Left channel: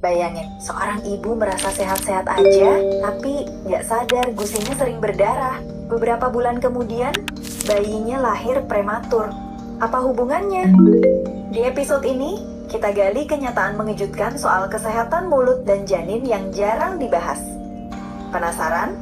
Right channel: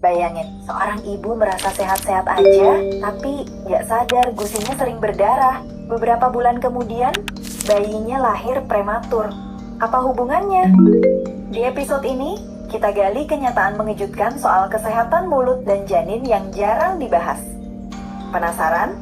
Bayangin, seorang ibu merasa sehat-sehat aja, tapi nggak sadar gusinya sering berdarah. Beberapa bulan kemudian, bayinya lahir prematur. Apa hubungannya? Di episode ini, kita gali kenyataan mengejutkan soal kesehatan mulut dan janin yang jarang dibahas. Penasaran?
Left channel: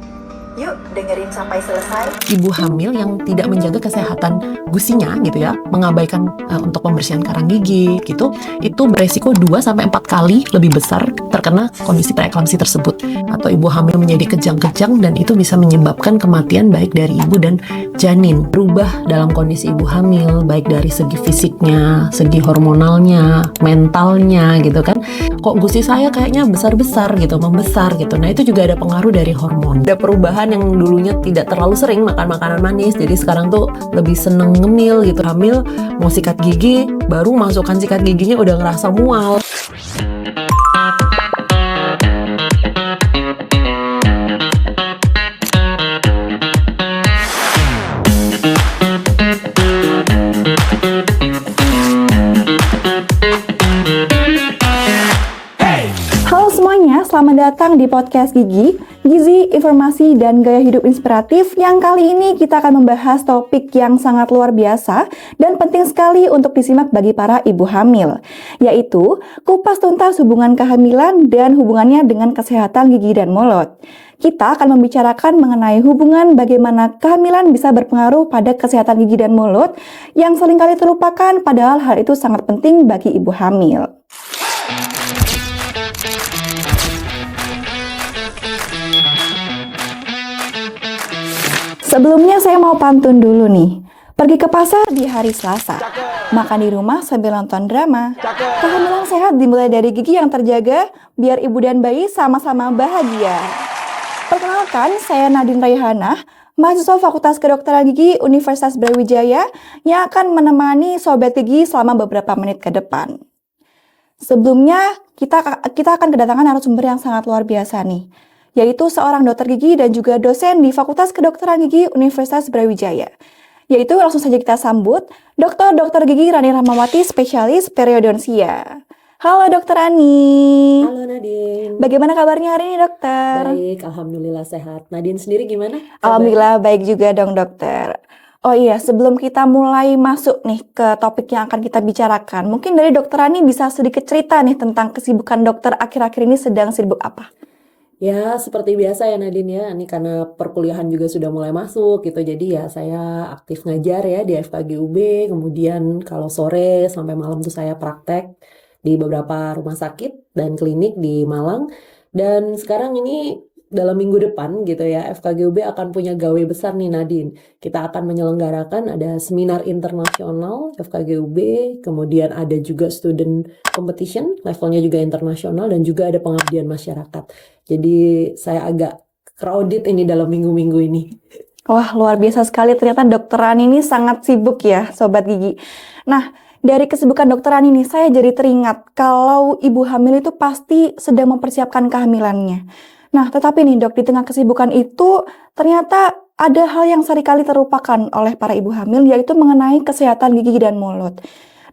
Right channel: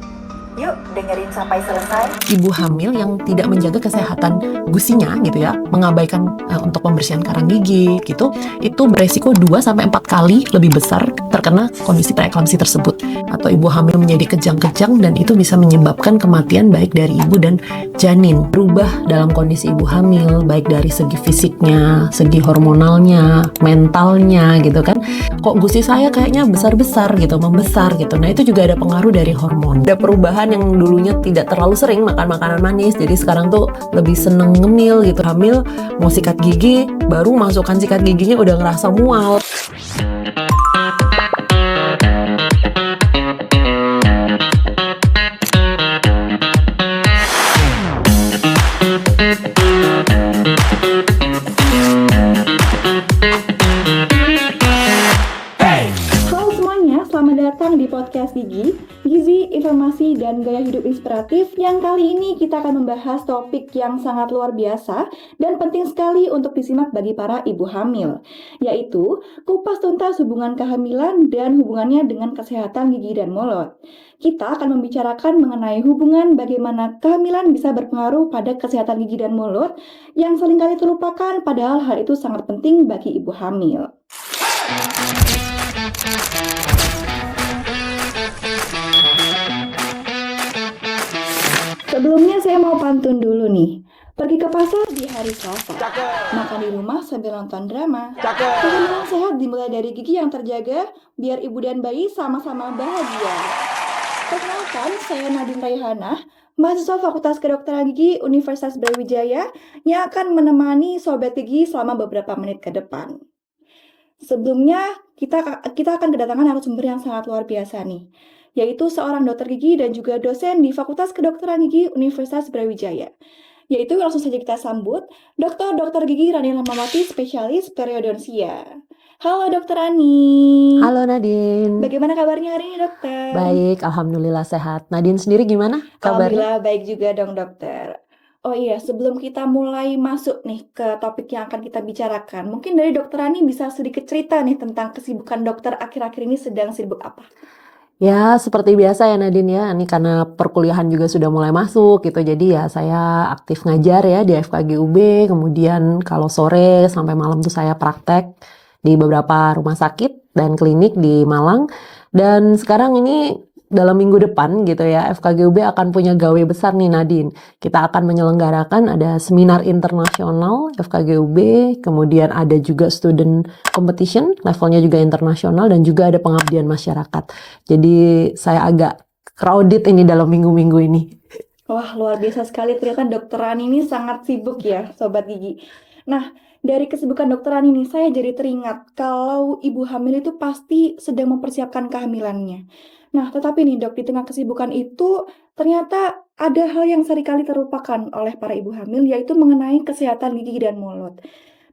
Yuk dengerin sampai selesai. Ibu hamil yang tidak menjaga kesehatan gusinya gitu ya, mengabaikan untuk pembersihan karang gigi gitu, itu beresiko 2-4 kali lebih besar terkena kondisi preeklamsi tersebut. Atau ibu hamil menjadi kejang-kejang dan itu bisa menyebabkan kematian baik dari ibu dan janin. Berubah dalam kondisi ibu hamil baik dari segi fisiknya, segi hormonalnya, mentalnya gitu kan. Kok gusi saya kayaknya besar-besar gitu, membesar gitu. Nah itu juga ada pengaruh dari hormon. Ada perubahan yang dulunya tidak terlalu sering makan makanan manis, jadi sekarang tuh lebih seneng ngemil gitu. Hamil mau sikat gigi, baru masukkan sikat giginya udah ngerasa mual. Selamat datang di podcast Gizi, Informasi, dan Gaya Hidup Inspiratif yang kali ini kita akan membahas topik yang sangat luar biasa dan penting sekali untuk disimak bagi para ibu hamil, yaitu kupas tuntas hubungan kehamilan dan hubungannya dengan kesehatan gigi dan mulut. Kita akan membicarakan mengenai hubungan bagaimana kehamilan bisa berpengaruh pada kesehatan gigi dan mulut yang seringkali terlupakan padahal hal itu sangat penting bagi ibu hamil. Sebelumnya saya mau pantun dulu nih. Pergi ke pasar di hari Selasa. Makan di rumah sambil nonton drama. Kehamilan sehat dimulai dari gigi yang terjaga, biar ibu dan bayi sama-sama bahagia. Perkenalkan, saya Nadine Raihanah, mahasiswa Fakultas Kedokteran Gigi Universitas Brawijaya yang akan menemani Sobat Gigi selama beberapa menit ke depan. Sebelumnya, kita akan kedatangan narasumber yang sangat luar biasa nih, yaitu seorang dokter gigi dan juga dosen di Fakultas Kedokteran Gigi Universitas Brawijaya. Yaitu langsung saja kita sambut Dr. Gigi Rani Rahmawati, spesialis periodonsia. Halo Dokter Ani. Halo Nadine. Bagaimana kabarnya hari ini dokter? Baik, alhamdulillah sehat. Nadine sendiri gimana kabarnya? Alhamdulillah baik juga dong dokter. Oh iya, sebelum kita mulai masuk nih ke topik yang akan kita bicarakan, mungkin dari Dokter Ani bisa sedikit cerita nih tentang kesibukan dokter akhir-akhir ini sedang sibuk apa? Ya, seperti biasa ya Nadine ya, ini karena perkuliahan juga sudah mulai masuk gitu, jadi ya saya aktif ngajar ya di FKG UB, kemudian kalau sore sampai malam tuh saya praktek di beberapa rumah sakit dan klinik di Malang, dan sekarang ini dalam minggu depan gitu ya, FKG UB akan punya gawe besar nih Nadine. Kita akan menyelenggarakan ada seminar internasional FKG UB, kemudian ada juga student competition, levelnya juga internasional, dan juga ada pengabdian masyarakat. Jadi saya agak crowded ini dalam minggu-minggu ini. Wah, luar biasa sekali. Ternyata dokteran ini sangat sibuk ya, Sobat Gigi. Nah, dari kesibukan dokteran ini, saya jadi teringat kalau ibu hamil itu pasti sedang mempersiapkan kehamilannya. Nah, tetapi nih dok, di tengah kesibukan itu, ternyata ada hal yang seringkali terlupakan oleh para ibu hamil, yaitu mengenai kesehatan gigi dan mulut.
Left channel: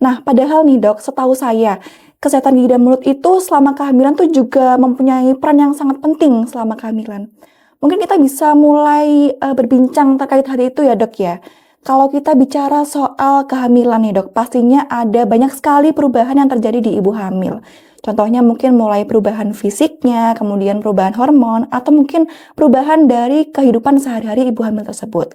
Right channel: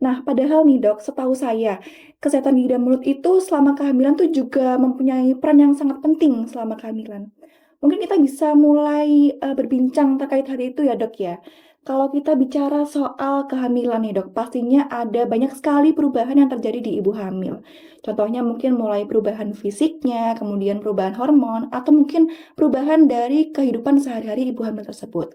Nah, padahal nih dok, setahu saya, kesehatan gigi dan mulut itu selama kehamilan tuh juga mempunyai peran yang sangat penting selama kehamilan. Mungkin kita bisa mulai berbincang terkait hal itu ya dok ya. Kalau kita bicara soal kehamilan nih dok, pastinya ada banyak sekali perubahan yang terjadi di ibu hamil. Contohnya mungkin mulai perubahan fisiknya, kemudian perubahan hormon, atau mungkin perubahan dari kehidupan sehari-hari ibu hamil tersebut.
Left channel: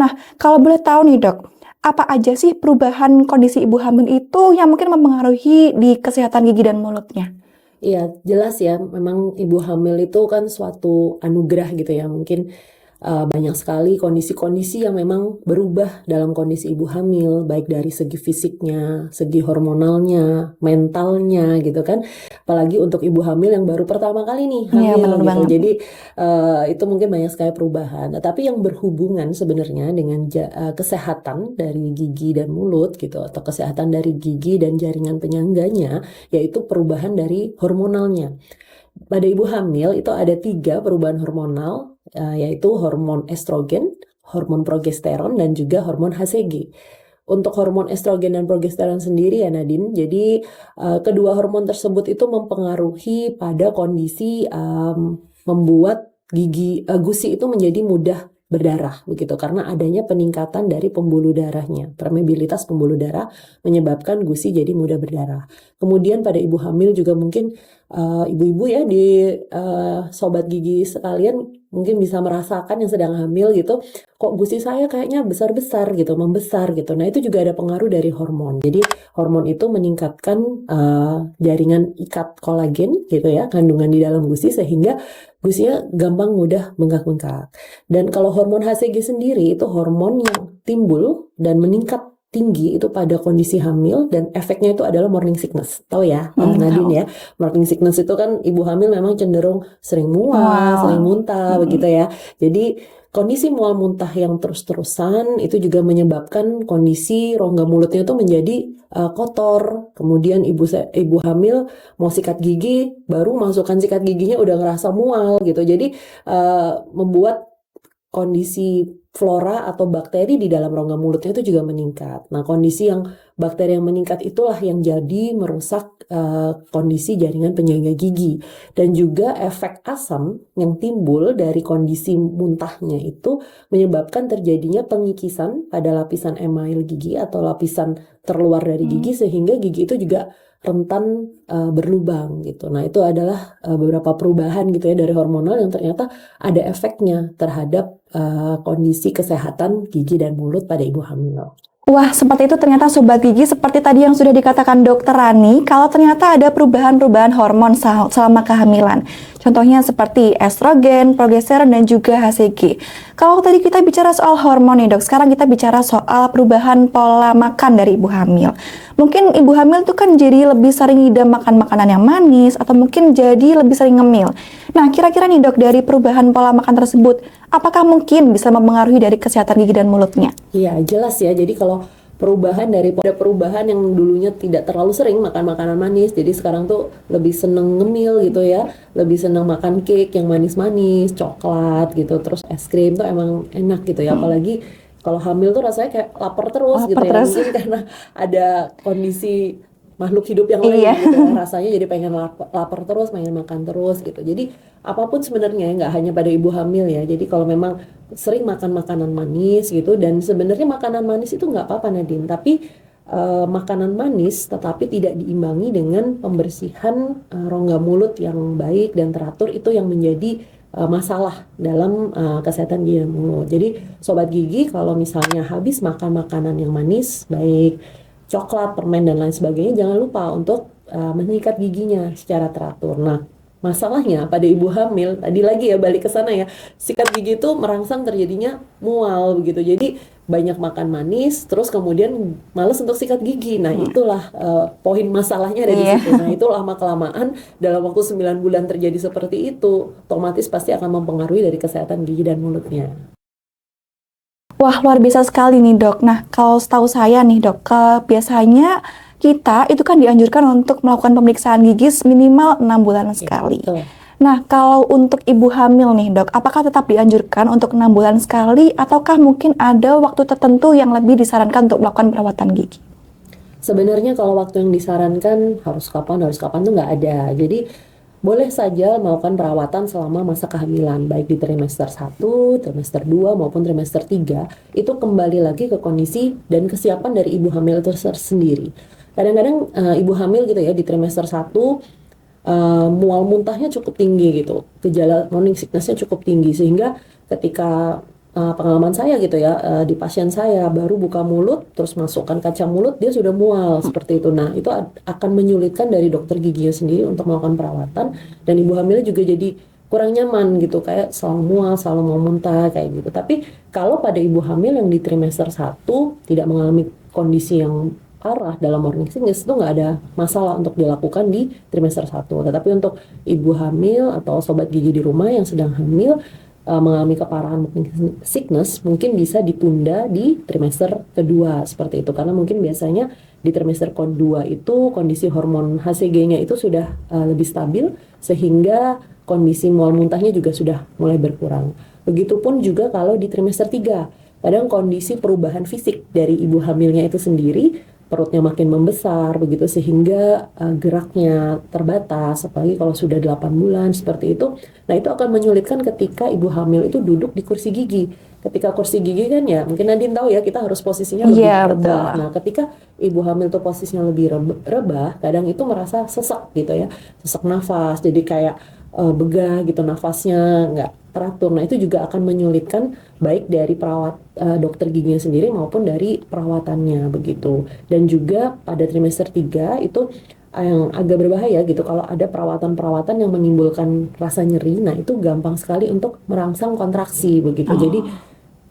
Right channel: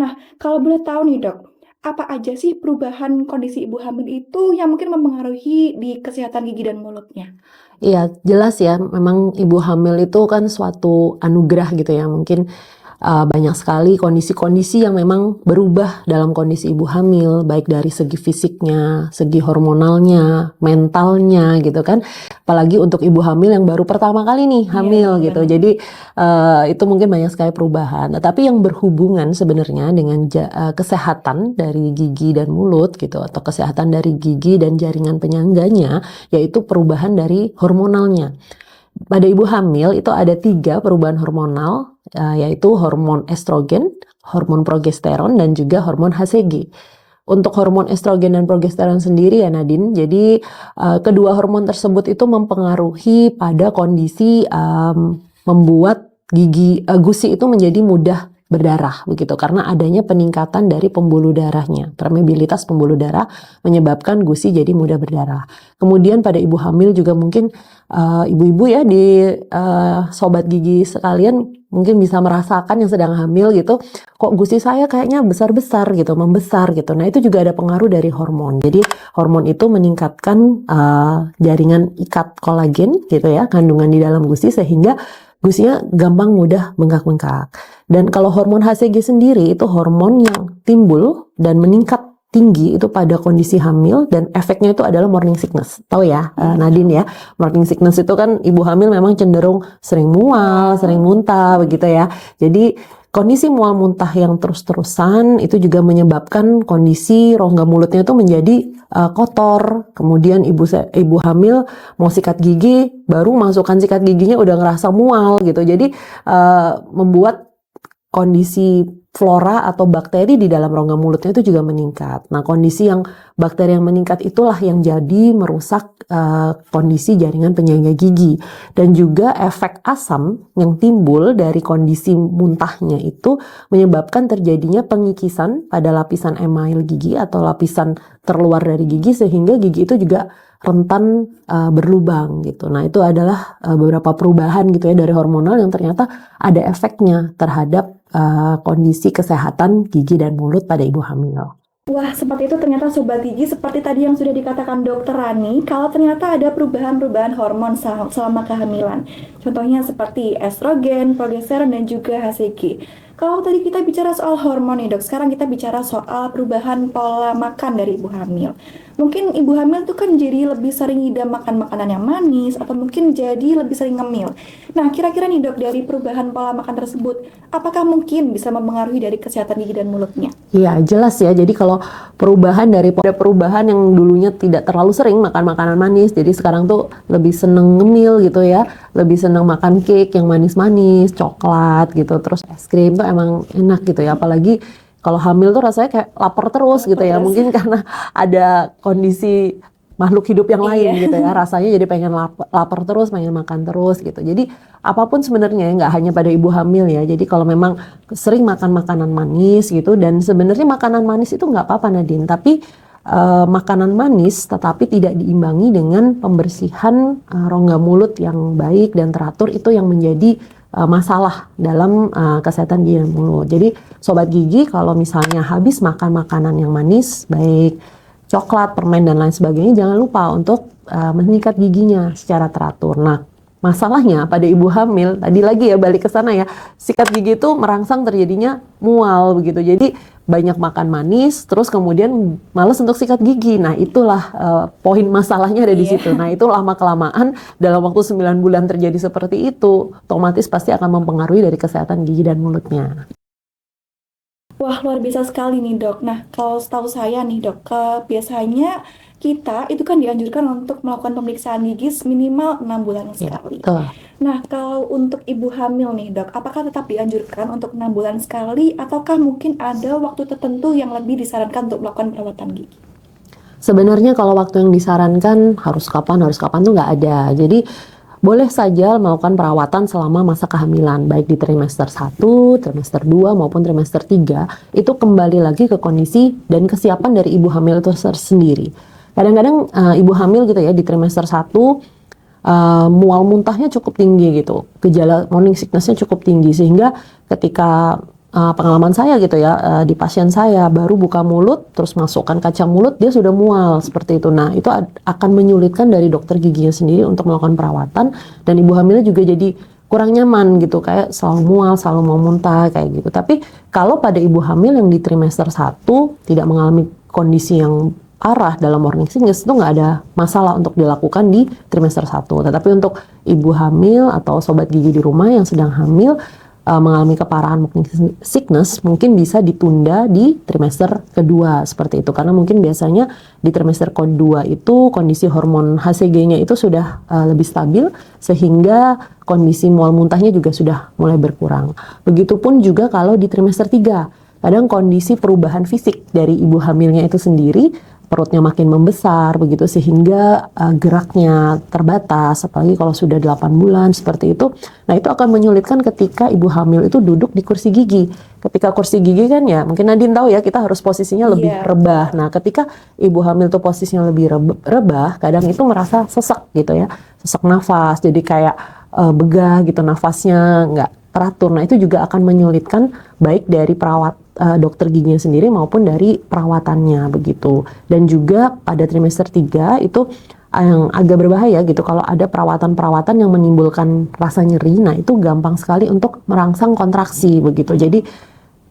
Nah, kalau boleh tahu nih dok, apa aja sih perubahan kondisi ibu hamil itu yang mungkin mempengaruhi di kesehatan gigi dan mulutnya? Iya, jelas ya, memang ibu hamil itu kan suatu anugerah gitu ya, mungkin banyak sekali kondisi-kondisi yang memang berubah dalam kondisi ibu hamil, baik dari segi fisiknya, segi hormonalnya, mentalnya gitu kan. Apalagi untuk ibu hamil yang baru pertama kali nih hamil gitu. Banget. Jadi itu mungkin banyak sekali perubahan. Tapi yang berhubungan sebenarnya dengan kesehatan dari gigi dan mulut gitu, atau kesehatan dari gigi dan jaringan penyangganya, yaitu perubahan dari hormonalnya. Pada ibu hamil itu ada 3 perubahan hormonal, yaitu hormon estrogen, hormon progesteron, dan juga hormon HCG. untuk hormon estrogen dan progesteron sendiri ya Nadine, jadi kedua hormon tersebut itu mempengaruhi pada kondisi membuat gusi itu menjadi mudah berdarah begitu karena adanya peningkatan dari pembuluh darahnya. Permeabilitas pembuluh darah menyebabkan gusi jadi mudah berdarah. Kemudian pada ibu hamil juga mungkin ibu-ibu ya di sobat gigi sekalian mungkin bisa merasakan yang sedang hamil gitu, kok gusi saya kayaknya besar-besar gitu, membesar gitu. Nah, itu juga ada pengaruh dari hormon. Jadi hormon itu meningkatkan jaringan ikat kolagen gitu ya, kandungan di dalam gusi sehingga gusinya gampang mudah bengkak-bengkak. Dan kalau hormon HCG sendiri itu hormon yang timbul dan meningkat tinggi itu pada kondisi hamil dan efeknya itu adalah morning sickness. Tahu ya, Nadine ya. Morning sickness itu kan ibu hamil memang cenderung sering mual, sering muntah begitu ya. Jadi kondisi mual muntah yang terus-terusan itu juga menyebabkan kondisi rongga mulutnya itu menjadi kotor. Kemudian ibu hamil mau sikat gigi, baru masukkan sikat giginya udah ngerasa mual gitu. Jadi membuat kondisi flora atau bakteri di dalam rongga mulutnya itu juga meningkat. Nah, kondisi yang bakteri yang meningkat itulah yang jadi merusak kondisi jaringan penyangga gigi. Dan juga efek asam yang timbul dari kondisi muntahnya itu menyebabkan terjadinya pengikisan pada lapisan email gigi atau lapisan terluar dari gigi sehingga gigi itu juga rentan berlubang gitu. Nah, itu adalah beberapa perubahan gitu ya dari hormonal yang ternyata ada efeknya terhadap kondisi kesehatan gigi dan mulut pada ibu hamil. Wah, seperti itu ternyata Sobat Gigi, seperti tadi yang sudah dikatakan Dokter Rani, kalau ternyata ada perubahan-perubahan hormon selama kehamilan. Contohnya seperti estrogen, progesteron, dan juga HCG. Kalau tadi kita bicara soal hormon nih dok, sekarang kita bicara soal perubahan pola makan dari ibu hamil. Mungkin ibu hamil tuh kan jadi lebih sering ngidam makan makanan yang manis, atau mungkin jadi lebih sering ngemil. Nah, kira-kira nih dok, dari perubahan pola makan tersebut, apakah mungkin bisa mempengaruhi dari kesehatan gigi dan mulutnya? Iya, jelas ya. Jadi kalau perubahan yang dulunya tidak terlalu sering makan makanan manis, jadi sekarang tuh lebih seneng ngemil gitu ya, lebih seneng makan cake yang manis-manis, coklat gitu, terus es krim tuh emang enak gitu ya, apalagi kalau hamil tuh rasanya kayak lapar terus gitu ya, mungkin karena ada kondisi makhluk hidup yang lain gitu ya, rasanya jadi pengen lapar terus, pengen makan terus gitu. Jadi apapun sebenarnya nggak hanya pada ibu hamil ya. Jadi kalau memang sering makan makanan manis gitu, dan sebenarnya makanan manis itu nggak apa-apa Nadine, tapi makanan manis tetapi tidak diimbangi dengan pembersihan rongga mulut yang baik dan teratur, itu yang menjadi masalah dalam kesehatan gigi dan mulut. Jadi sobat gigi kalau misalnya habis makan makanan yang manis, baik coklat, permen, dan lain sebagainya, jangan lupa untuk menyikat giginya secara teratur. Nah, masalahnya pada ibu hamil, tadi lagi ya balik ke sana ya, sikat gigi itu merangsang terjadinya mual begitu. Jadi banyak makan manis, terus kemudian males untuk sikat gigi. Nah, itulah poin masalahnya ada di situ. Nah, itu lama-kelamaan dalam waktu 9 bulan terjadi seperti itu, otomatis pasti akan mempengaruhi dari kesehatan gigi dan mulutnya. Wah, luar biasa sekali nih dok. Nah, kalau setahu saya nih dok, biasanya kita itu kan dianjurkan untuk melakukan pemeriksaan gigi minimal 6 bulan sekali. Betul. Nah, kalau untuk ibu hamil nih dok, apakah tetap dianjurkan untuk 6 bulan sekali, ataukah mungkin ada waktu tertentu yang lebih disarankan untuk melakukan perawatan gigi? Sebenarnya kalau waktu yang disarankan harus kapan tuh nggak ada. Jadi boleh saja melakukan perawatan selama masa kehamilan, baik di trimester 1, trimester 2, maupun trimester 3. Itu kembali lagi ke kondisi dan kesiapan dari ibu hamil itu sendiri. Kadang-kadang ibu hamil gitu ya, di trimester 1, mual muntahnya cukup tinggi gitu. Gejala morning sickness-nya cukup tinggi, sehingga ketika pengalaman saya gitu ya, di pasien saya baru buka mulut terus masukkan kacang mulut dia sudah mual seperti itu. Nah, itu akan menyulitkan dari dokter giginya sendiri untuk melakukan perawatan, dan ibu hamilnya juga jadi kurang nyaman gitu, kayak selalu mual, selalu mau muntah kayak gitu. Tapi kalau pada ibu hamil yang di trimester 1 tidak mengalami kondisi yang parah dalam morning sickness, itu nggak ada masalah untuk dilakukan di trimester 1. Tetapi untuk ibu hamil atau sobat gigi di rumah yang sedang hamil mengalami keparahan morning sickness, mungkin bisa ditunda di trimester kedua seperti itu, karena mungkin biasanya di trimester kedua itu kondisi hormon HCG-nya itu sudah lebih stabil, sehingga kondisi mual muntahnya juga sudah mulai berkurang. Begitupun juga kalau di trimester 3, kadang kondisi perubahan fisik dari ibu hamilnya itu sendiri, perutnya makin membesar begitu sehingga geraknya terbatas, apalagi kalau sudah 8 bulan seperti itu. Nah, itu akan menyulitkan ketika ibu hamil itu duduk di kursi gigi. Ketika kursi gigi kan ya, mungkin Nadine tahu ya, kita harus posisinya lebih Iya, rebah. betul. Nah, ketika ibu hamil tuh posisinya lebih rebah, kadang itu merasa sesek gitu ya, sesak nafas, jadi kayak begah gitu, nafasnya nggak teratur. Nah, itu juga akan menyulitkan baik dari dokter giginya sendiri maupun dari perawatannya begitu. Dan juga pada trimester 3 itu yang agak berbahaya gitu kalau ada perawatan-perawatan yang menimbulkan rasa nyeri. Nah, itu gampang sekali untuk merangsang kontraksi begitu. Jadi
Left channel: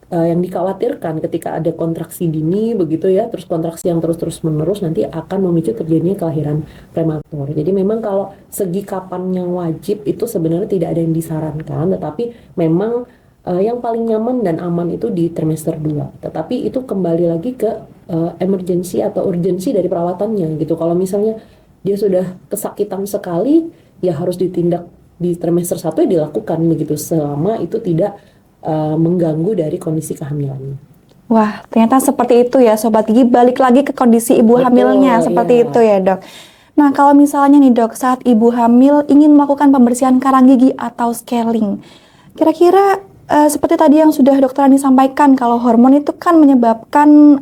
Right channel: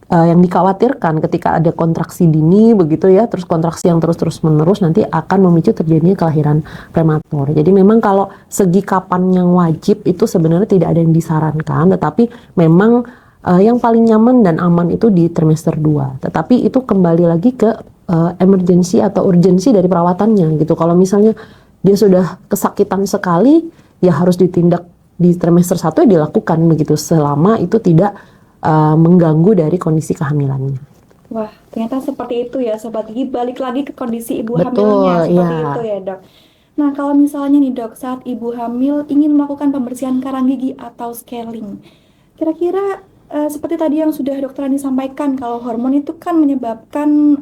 yang dikhawatirkan ketika ada kontraksi dini begitu ya, terus kontraksi yang terus menerus nanti akan memicu terjadinya kelahiran prematur. Jadi memang kalau segi kapan yang wajib itu sebenarnya tidak ada yang disarankan, tetapi memang yang paling nyaman dan aman itu di trimester 2. Tetapi itu kembali lagi ke emergency atau urgensi dari perawatannya gitu. Kalau misalnya dia sudah kesakitan sekali, ya harus ditindak di trimester 1 ya dilakukan begitu selama itu tidak mengganggu dari kondisi kehamilannya. Wah, ternyata seperti itu ya Sobat Gigi, balik lagi ke kondisi ibu Betul, hamilnya seperti iya. itu ya Dok. Nah, kalau misalnya nih Dok, saat ibu hamil ingin melakukan pembersihan karang gigi atau scaling, kira-kira seperti tadi yang sudah Dokter Ani sampaikan, kalau hormon itu kan menyebabkan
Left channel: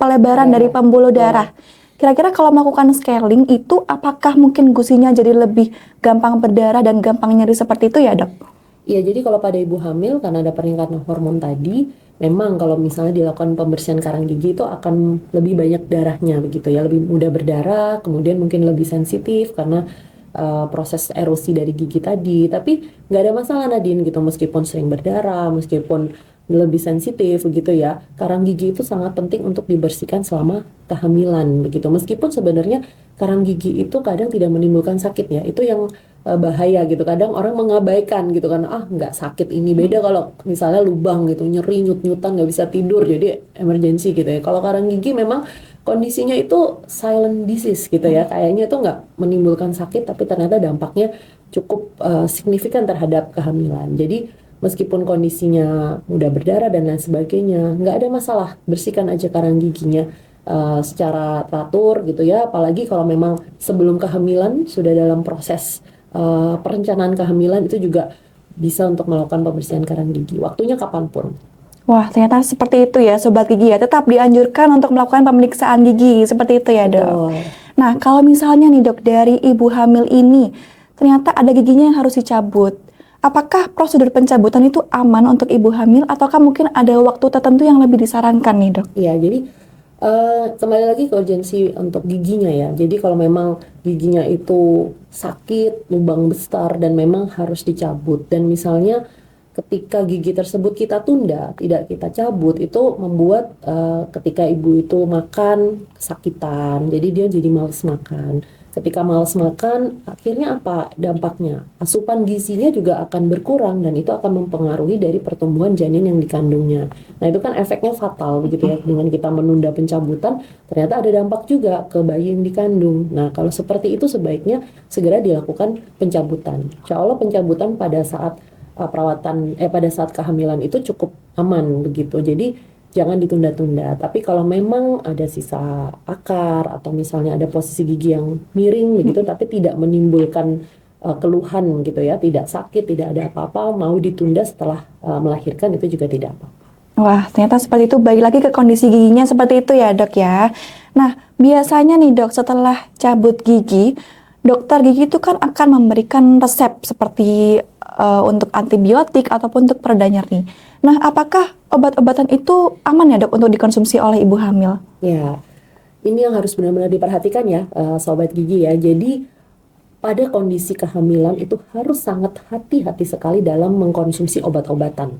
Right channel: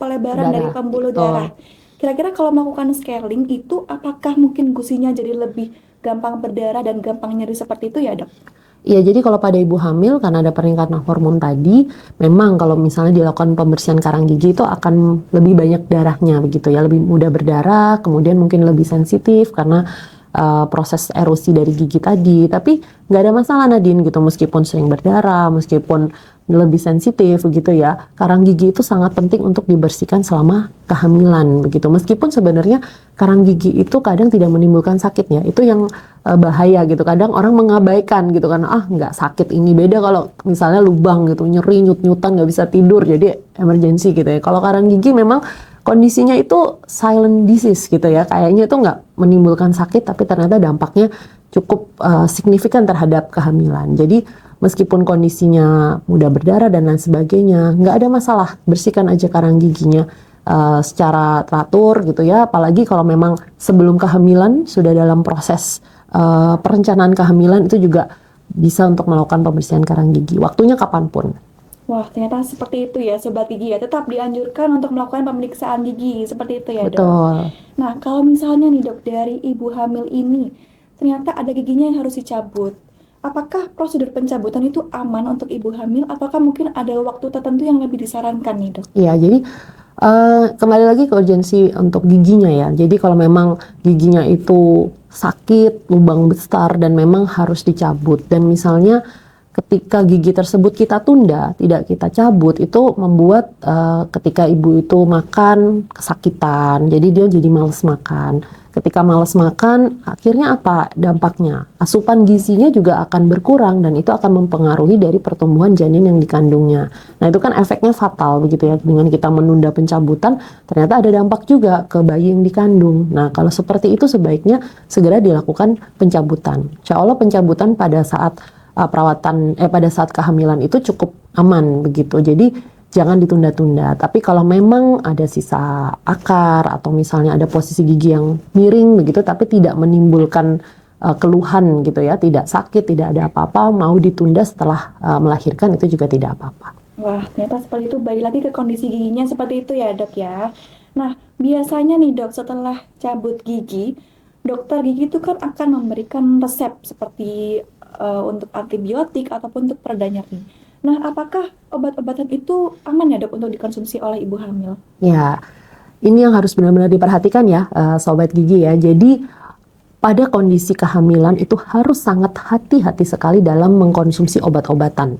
pelebaran dari pembuluh darah. Kira-kira kalau melakukan scaling itu apakah mungkin gusinya jadi lebih gampang berdarah dan gampang nyeri seperti itu ya Dok? Ya, jadi kalau pada ibu hamil karena ada peningkatan hormon tadi, memang kalau misalnya dilakukan pembersihan karang gigi itu akan lebih banyak darahnya begitu ya, lebih mudah berdarah, kemudian mungkin lebih sensitif karena proses erosi dari gigi tadi. Tapi nggak ada masalah Nadine gitu, meskipun sering berdarah, meskipun lebih sensitif begitu ya. Karang gigi itu sangat penting untuk dibersihkan selama kehamilan begitu. Meskipun sebenarnya karang gigi itu kadang tidak menimbulkan sakit ya. Itu yang bahaya gitu. Kadang orang mengabaikan gitu kan, nggak sakit ini. Beda kalau misalnya lubang gitu, nyeri, nyut-nyutan, nggak bisa tidur, jadi emergency gitu ya. Kalau karang gigi memang kondisinya itu silent disease gitu ya, kayaknya itu nggak menimbulkan sakit tapi ternyata dampaknya cukup signifikan terhadap kehamilan. Jadi meskipun kondisinya mudah berdarah dan lain sebagainya, nggak ada masalah, bersihkan aja karang giginya secara teratur gitu ya. Apalagi kalau memang sebelum kehamilan sudah dalam proses perencanaan kehamilan, itu juga bisa untuk melakukan pembersihan karang gigi. Waktunya kapanpun. Wah, ternyata seperti itu ya Sobat Gigi ya. Tetap dianjurkan untuk melakukan pemeriksaan gigi seperti itu ya Dok. Betul. Nah, kalau misalnya nih Dok, dari ibu hamil ini ternyata ada giginya yang harus dicabut. Apakah prosedur pencabutan itu aman untuk ibu hamil ataukah mungkin ada waktu tertentu yang lebih disarankan nih Dok? Iya, jadi kembali lagi ke urgensi untuk giginya ya. Jadi kalau memang giginya itu sakit, lubang besar dan memang harus dicabut, dan misalnya ketika gigi tersebut kita tunda, tidak kita cabut, itu membuat ketika ibu itu makan kesakitan, jadi dia jadi malas makan. Ketika malas makan, akhirnya apa dampaknya? Asupan gizinya juga akan berkurang dan itu akan mempengaruhi dari pertumbuhan janin yang dikandungnya. Nah, itu kan efeknya fatal begitu ya. Dengan kita menunda pencabutan, ternyata ada dampak juga ke bayi yang dikandung. Nah, kalau seperti itu sebaiknya segera dilakukan pencabutan. Insya Allah pencabutan pada saat pada saat kehamilan itu cukup aman begitu. Jadi jangan ditunda-tunda. Tapi kalau memang ada sisa akar atau misalnya ada posisi gigi yang miring begitu tapi tidak menimbulkan keluhan gitu ya, tidak sakit, tidak ada apa-apa, mau ditunda setelah melahirkan itu juga tidak apa-apa. Wah, ternyata seperti itu. Balik lagi ke kondisi giginya seperti itu ya Dok ya. Nah, biasanya nih Dok, setelah cabut gigi, dokter gigi itu kan akan memberikan resep seperti untuk antibiotik ataupun untuk pereda nyeri. Nah, apakah obat-obatan itu aman ya Dok untuk dikonsumsi oleh ibu hamil? Ya, ini yang harus benar-benar diperhatikan ya Sobat Gigi ya. Jadi pada kondisi kehamilan itu harus sangat hati-hati sekali dalam mengkonsumsi obat-obatan.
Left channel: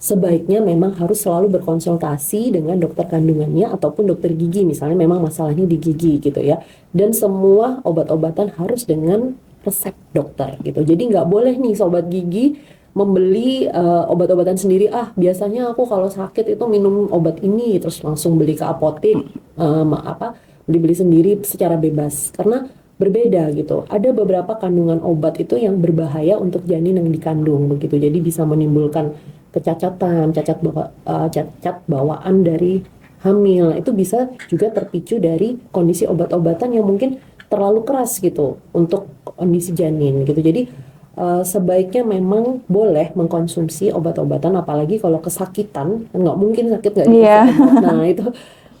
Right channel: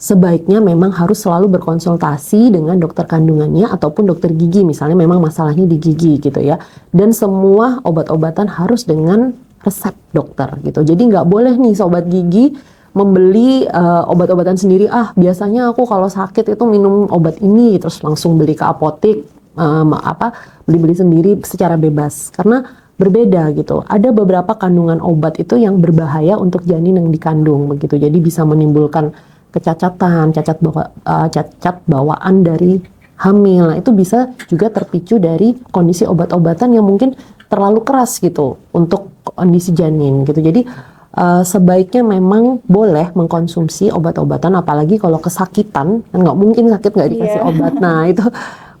Sebaiknya memang harus selalu berkonsultasi dengan dokter kandungannya ataupun dokter gigi, misalnya memang masalahnya di gigi gitu ya. Dan semua obat-obatan harus dengan resep dokter gitu. Jadi nggak boleh nih Sobat Gigi membeli obat-obatan sendiri. Biasanya aku kalau sakit itu minum obat ini, terus langsung beli ke apotek, beli-beli sendiri secara bebas. Karena berbeda gitu. Ada beberapa kandungan obat itu yang berbahaya untuk janin yang dikandung begitu. Jadi bisa menimbulkan kecacatan, cacat bawaan dari hamil. Nah, itu bisa juga terpicu dari kondisi obat-obatan yang mungkin terlalu keras gitu untuk kondisi janin gitu. Jadi sebaiknya memang boleh mengkonsumsi obat-obatan, apalagi kalau kesakitan, kan nggak mungkin sakit nggak dikasih obat. Nah, itu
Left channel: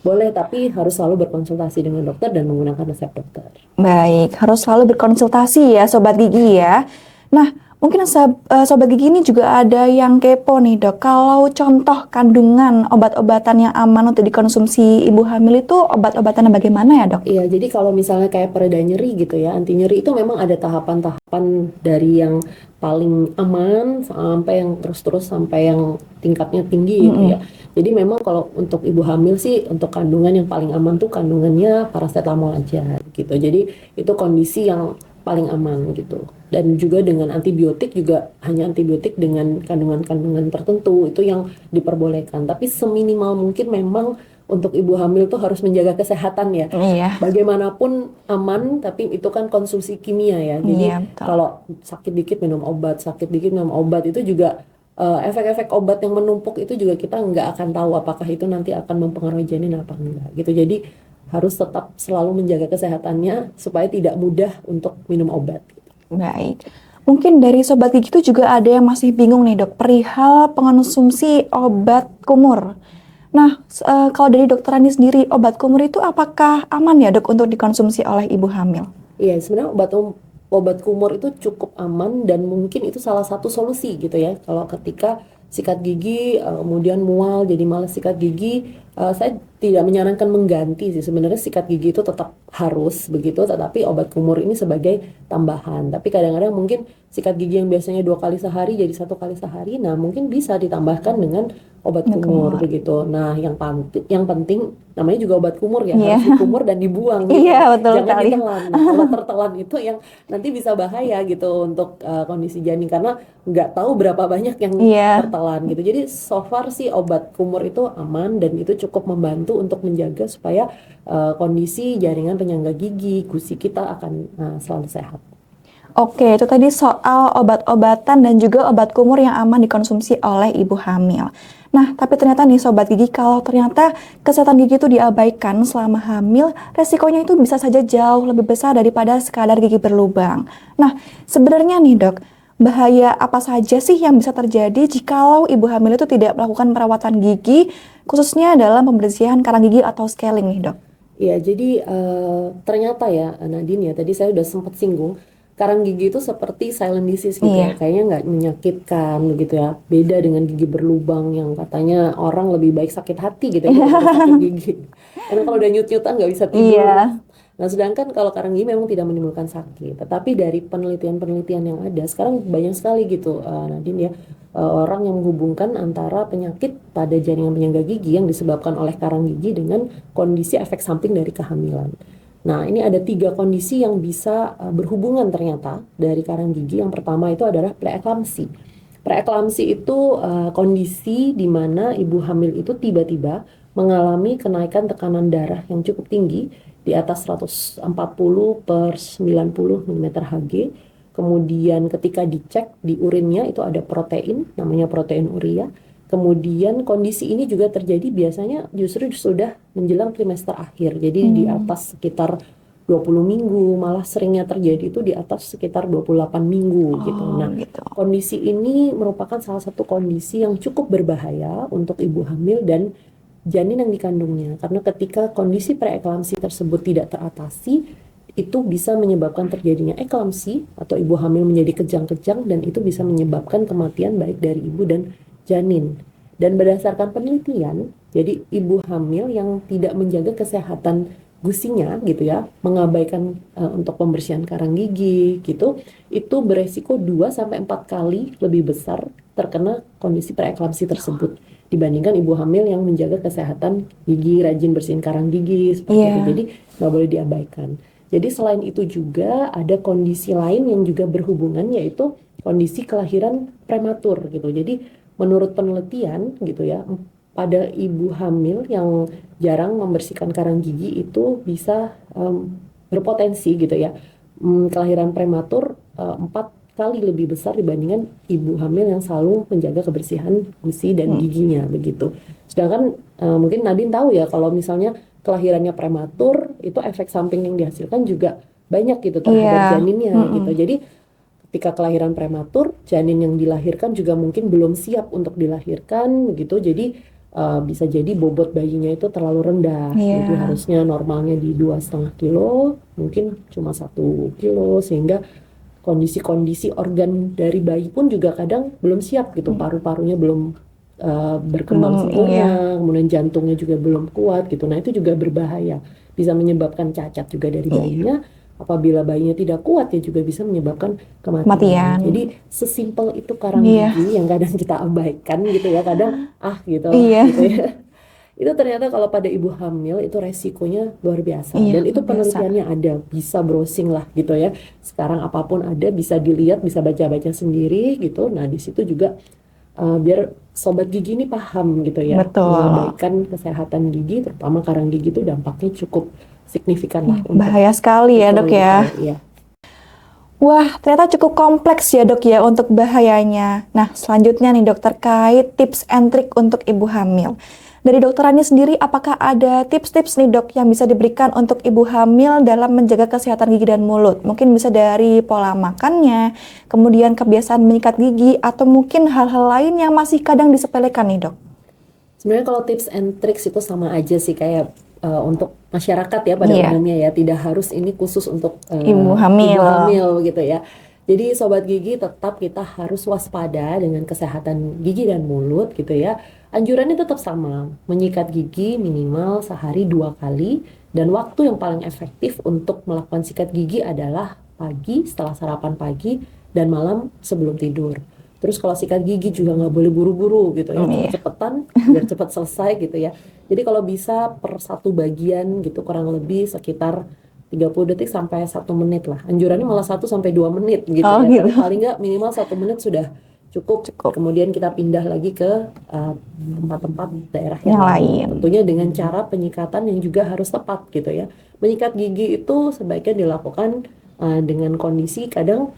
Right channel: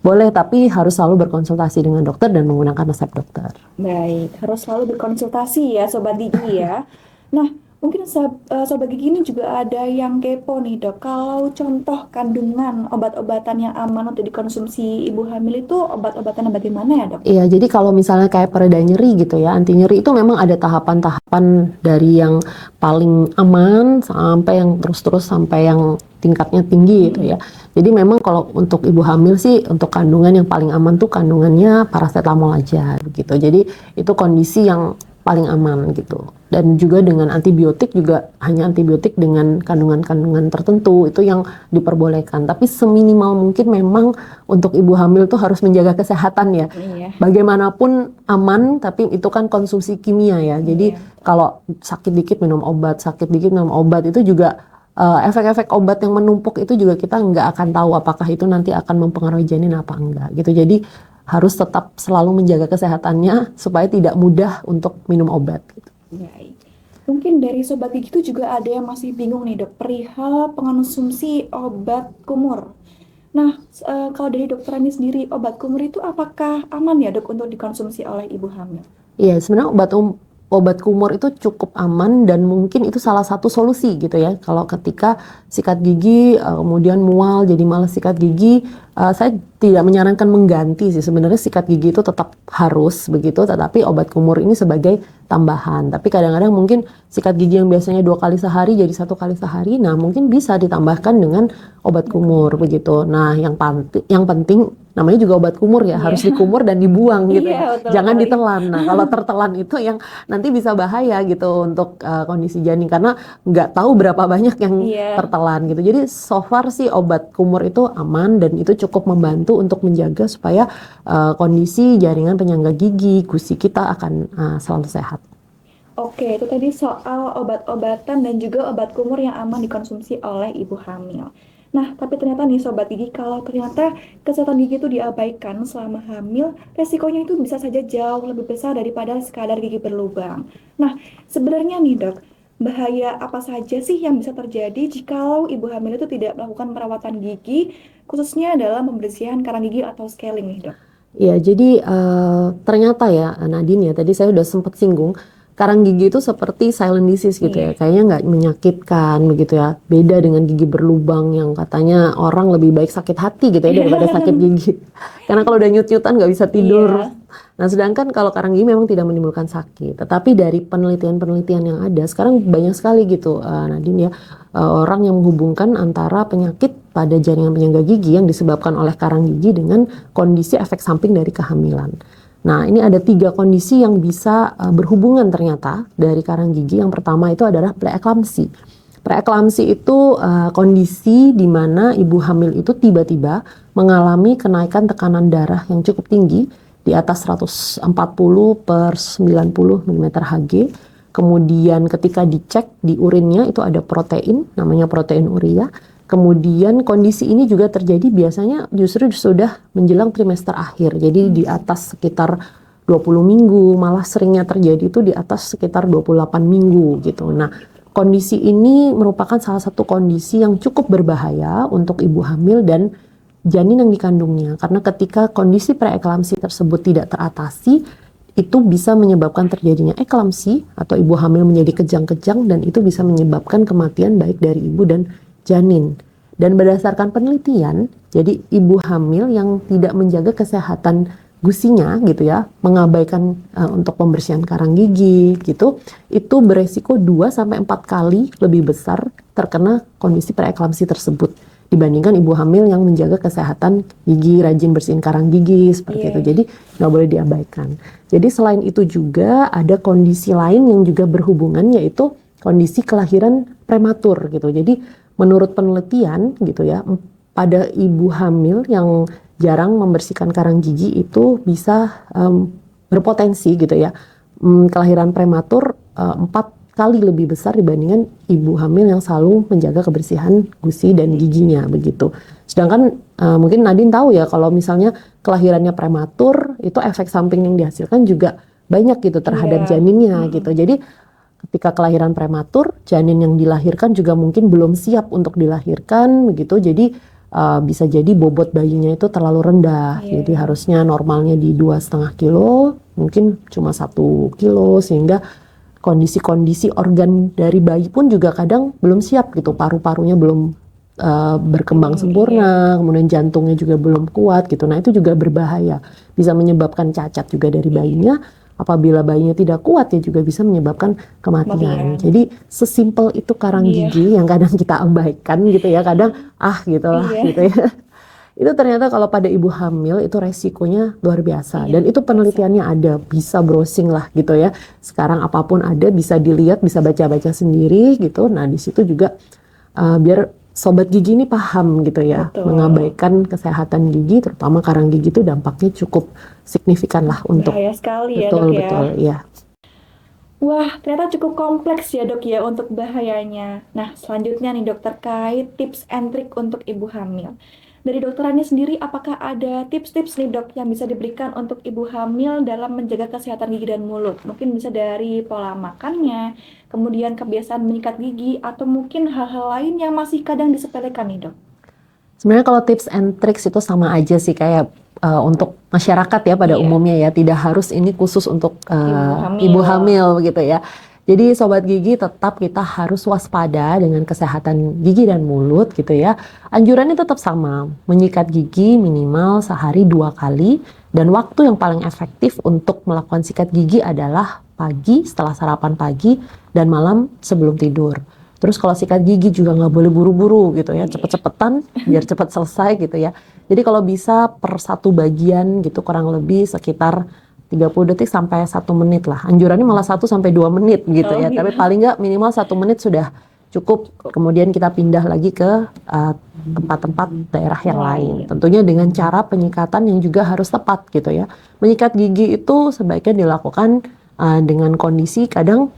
boleh, tapi harus selalu berkonsultasi dengan dokter dan menggunakan resep dokter. Baik, harus selalu berkonsultasi ya Sobat Gigi ya. Nah, mungkin Sobat Gigi ini juga ada yang kepo nih dok. Kalau contoh kandungan obat-obatan yang aman untuk dikonsumsi ibu hamil itu obat-obatannya bagaimana ya dok? Iya, jadi kalau misalnya kayak pereda nyeri gitu ya, anti nyeri itu memang ada tahapan-tahapan dari yang paling aman sampai yang terus-terus sampai yang tingkatnya tinggi gitu ya. Jadi memang kalau untuk ibu hamil sih, untuk kandungan yang paling aman tuh kandungannya paracetamol aja gitu. Jadi itu kondisi yang paling aman gitu. Dan juga dengan antibiotik juga hanya antibiotik dengan kandungan-kandungan tertentu itu yang diperbolehkan. Tapi seminimal mungkin memang untuk ibu hamil tuh harus menjaga kesehatan ya. Iya. Bagaimanapun aman, tapi itu kan konsumsi kimia ya. Jadi Iya, betul. kalau sakit dikit minum obat, sakit dikit minum obat, itu juga efek-efek obat yang menumpuk itu juga kita nggak akan tahu apakah itu nanti akan mempengaruhi janin apa enggak gitu. Jadi harus tetap selalu menjaga kesehatannya supaya tidak mudah untuk minum obat gitu. Baik. Mungkin dari Sobat Gigi itu juga ada yang masih bingung nih dok, perihal pengonsumsi obat kumur. Nah, kalau dari dokter Rani sendiri, obat kumur itu apakah aman ya dok untuk dikonsumsi oleh ibu hamil? Iya, sebenarnya obat kumur itu cukup aman dan mungkin itu salah satu solusi gitu ya. Kalau ketika sikat gigi kemudian mual jadi malas sikat gigi, saya tidak menyarankan mengganti sih. Sebenarnya sikat gigi itu tetap harus begitu, tetapi obat kumur ini sebagai tambahan. Tapi kadang-kadang mungkin sikat gigi yang biasanya 2 kali sehari jadi 1 kali sehari, nah mungkin bisa ditambahkan dengan obat kumur begitu. Nah, yang penting namanya juga obat kumur ya, harus dikumur dan dibuang gitu. Betul Jangan sekali. ditelan. Nah, kalau tertelan itu yang nanti bisa bahaya gitu untuk kondisi janin karena nggak tahu berapa banyak yang tertelan gitu. Jadi so far sih obat kumur itu aman dan itu cukup membantu untuk menjaga supaya kondisi jaringan penyangga gigi, gusi kita akan selalu sehat. Oke, itu tadi soal obat-obatan dan juga obat kumur yang aman dikonsumsi oleh ibu hamil. Nah, tapi ternyata nih Sobat Gigi, kalau ternyata kesehatan gigi itu diabaikan selama hamil, resikonya itu bisa saja jauh lebih besar daripada sekadar gigi berlubang. Nah, sebenarnya nih dok, bahaya apa saja sih yang bisa terjadi jikalau ibu hamil itu tidak melakukan perawatan gigi, khususnya dalam pembersihan karang gigi atau scaling nih dok? Ya, jadi ternyata ya Nadine ya, tadi saya udah sempat singgung, karang gigi itu seperti silent disease gitu ya, kayaknya nggak menyakitkan begitu ya. Beda dengan gigi berlubang yang katanya orang lebih baik sakit hati gitu ya daripada sakit gigi. Karena kalau udah nyut-nyutan nggak bisa tidur. Nah, sedangkan kalau karang gigi memang tidak menimbulkan sakit. Tetapi dari penelitian-penelitian yang ada, sekarang banyak sekali gitu Nadine ya, orang yang menghubungkan antara penyakit pada jaringan penyangga gigi yang disebabkan oleh karang gigi dengan kondisi efek samping dari kehamilan. Nah, ini ada 3 kondisi yang bisa berhubungan ternyata dari karang gigi. Yang pertama itu adalah preeklamsi. Preeklamsi itu kondisi di mana ibu hamil itu tiba-tiba mengalami kenaikan tekanan darah yang cukup tinggi di atas 140 per 90 mm Hg. Kemudian ketika dicek di urinnya itu ada protein, namanya protein urea. Kemudian kondisi ini juga terjadi biasanya justru sudah menjelang trimester akhir. Jadi di atas sekitar 20 minggu, malah seringnya terjadi itu di atas sekitar 28 minggu gitu. Nah, kondisi ini merupakan salah satu kondisi yang cukup berbahaya untuk ibu hamil dan janin yang dikandungnya. Karena ketika kondisi preeklamsi tersebut tidak teratasi, itu bisa menyebabkan terjadinya eklamsi atau ibu hamil menjadi kejang-kejang dan itu bisa menyebabkan kematian baik dari ibu dan janin. Dan berdasarkan penelitian, jadi ibu hamil yang tidak menjaga kesehatan gusinya gitu ya, mengabaikan untuk pembersihan karang gigi gitu, itu beresiko 2-4 kali lebih besar terkena kondisi preeklamsi tersebut dibandingkan ibu hamil yang menjaga kesehatan gigi, rajin bersihin karang gigi seperti itu. Jadi nggak boleh diabaikan. Jadi selain itu juga ada kondisi lain yang juga berhubungan, yaitu kondisi kelahiran prematur gitu. Jadi menurut penelitian gitu ya, pada ibu hamil yang jarang membersihkan karang gigi itu bisa berpotensi gitu ya, kelahiran prematur 4 kali lebih besar dibandingkan ibu hamil yang selalu menjaga kebersihan gusi dan giginya begitu. Sedangkan mungkin Nadine tahu ya kalau misalnya kelahirannya prematur itu efek samping yang dihasilkan juga banyak gitu terhadap janinnya gitu. Jadi ketika kelahiran prematur, janin yang dilahirkan juga mungkin belum siap untuk dilahirkan begitu. Jadi bisa jadi bobot bayinya itu terlalu rendah. Jadi harusnya normalnya di 2,5 kilo, mungkin cuma 1 kilo sehingga kondisi-kondisi organ dari bayi pun juga kadang belum siap gitu, paru-parunya belum berkembang sempurna, kemudian jantungnya juga belum kuat gitu. Nah itu juga berbahaya, bisa menyebabkan cacat juga dari bayinya. Apabila bayinya tidak kuat ya juga bisa menyebabkan kematian. Jadi sesimpel itu karang gigi yang kadang kita abaikan gitu ya, kadang gitu gitu ya. Itu ternyata kalau pada ibu hamil itu resikonya luar biasa dan itu penelitiannya ada, bisa browsing lah gitu ya. Sekarang apapun ada bisa dilihat, bisa baca-baca sendiri gitu. Nah di situ juga biar sobat gigi ini paham gitu ya, mengabaikan kesehatan gigi, terutama karang gigi itu dampaknya cukup signifikan lah untuk bahaya sekali ya dok ya. Ya. Wah, ternyata cukup kompleks ya dok ya untuk bahayanya. Nah selanjutnya nih dok, terkait tips and trick untuk ibu hamil. Dari dokter Ani sendiri, apakah ada tips-tips nih dok yang bisa diberikan untuk ibu hamil dalam menjaga kesehatan gigi dan mulut? Mungkin bisa dari pola makannya, kemudian kebiasaan menyikat gigi, atau mungkin hal-hal lain yang masih kadang disepelekan nih dok. Sebenarnya kalau tips and tricks itu sama aja sih kayak untuk masyarakat ya pada umumnya ya, tidak harus ini khusus untuk ibu hamil gitu ya. Jadi sobat gigi tetap kita harus waspada dengan kesehatan gigi dan mulut gitu ya. Anjurannya tetap sama, menyikat gigi minimal sehari 2 kali dan waktu yang paling efektif untuk melakukan sikat gigi adalah pagi setelah sarapan pagi dan malam sebelum tidur. Terus kalau sikat gigi juga nggak boleh buru-buru gitu ya, cepet-cepetan biar cepat selesai gitu ya. Jadi kalau bisa per satu bagian gitu kurang lebih sekitar 30 detik sampai 1 menit lah. Anjurannya malah 1 sampai 2 menit gitu ya. Tapi paling nggak minimal 1 menit sudah cukup. Kemudian kita pindah lagi ke tempat-tempat daerah yang lain. Tentunya dengan cara penyikatan yang juga harus tepat gitu ya. Menyikat gigi itu sebaiknya dilakukan dengan kondisi kadang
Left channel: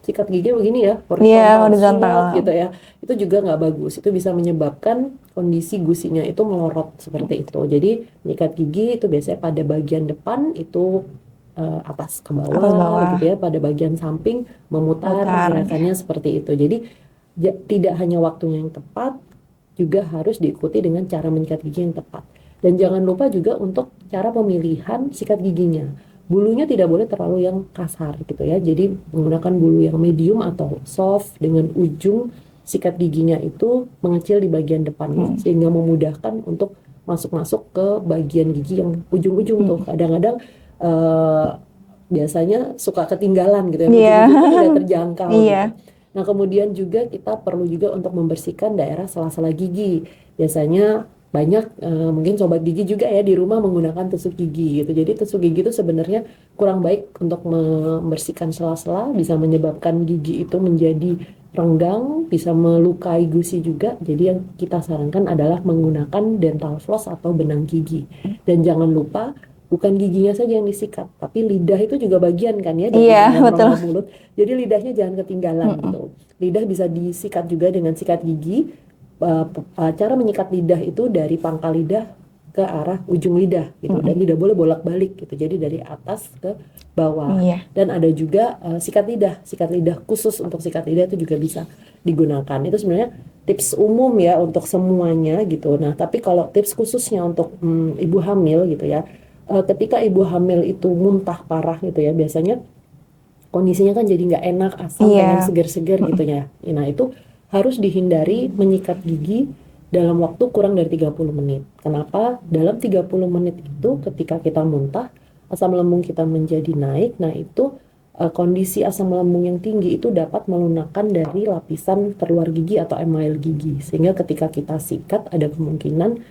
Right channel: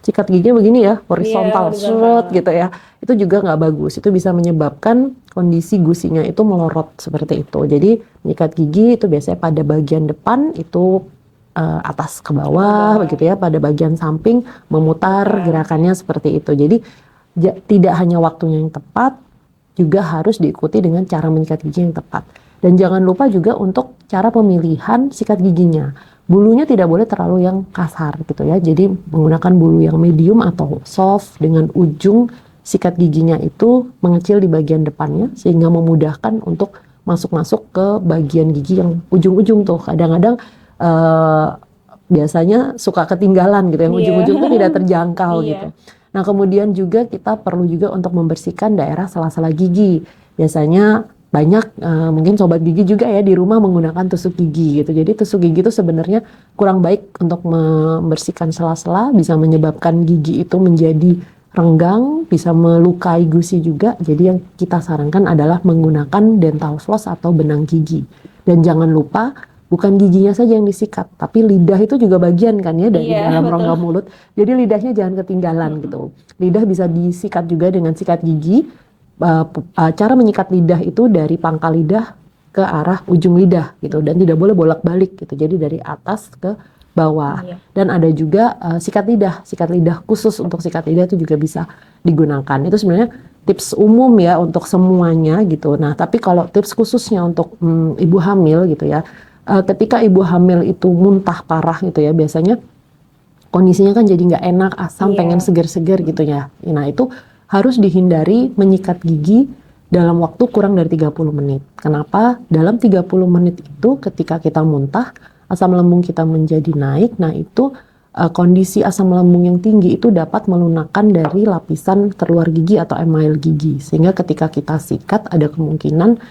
sikat gigi begini ya, horizontal gitu ya. Itu juga nggak bagus. Itu bisa menyebabkan kondisi gusinya itu melorot seperti itu. Jadi menyikat gigi itu biasanya pada bagian depan itu atas ke bawah begitu ya. Pada bagian samping memutar gerakannya seperti itu. Jadi tidak hanya waktunya yang tepat, juga harus diikuti dengan cara menyikat gigi yang tepat. Dan jangan lupa juga untuk cara pemilihan sikat giginya. Bulunya tidak boleh terlalu yang kasar gitu ya. Jadi menggunakan bulu yang medium atau soft dengan ujung sikat giginya itu mengecil di bagian depannya sehingga memudahkan untuk masuk-masuk ke bagian gigi yang ujung-ujung tuh. Kadang-kadang biasanya suka ketinggalan gitu ya. Ujung-ujung itu tidak terjangkau gitu. Nah kemudian juga kita perlu juga untuk membersihkan daerah sela-sela gigi. Biasanya banyak mungkin sobat gigi juga ya di rumah menggunakan tusuk gigi gitu. Jadi tusuk gigi itu sebenarnya kurang baik untuk membersihkan sela-sela, bisa menyebabkan gigi itu menjadi renggang, bisa melukai gusi juga. Jadi yang kita sarankan adalah menggunakan dental floss atau benang gigi. Dan jangan lupa bukan giginya saja yang disikat, tapi lidah itu juga bagian kan ya dari dalam rongga mulut. Jadi lidahnya jangan ketinggalan gitu. Lidah bisa disikat juga dengan sikat gigi. Cara menyikat lidah itu dari pangkal lidah ke arah ujung lidah gitu dan tidak boleh bolak-balik gitu. Jadi dari atas ke bawah. Dan ada juga sikat lidah khusus untuk sikat lidah itu juga bisa digunakan. Itu sebenarnya tips umum ya untuk semuanya gitu. Nah, tapi kalau tips khususnya untuk ibu hamil gitu ya. Ketika ibu hamil itu muntah parah gitu ya, biasanya kondisinya kan jadi nggak enak, asam, pengen segar-segar gitu ya. Nah, itu harus dihindari menyikat gigi dalam waktu kurang dari 30 menit. Kenapa? Dalam 30 menit itu ketika kita muntah, asam lambung kita menjadi naik. Nah itu kondisi asam lambung yang tinggi itu dapat melunakkan dari lapisan terluar gigi atau email gigi. Sehingga ketika kita sikat ada kemungkinan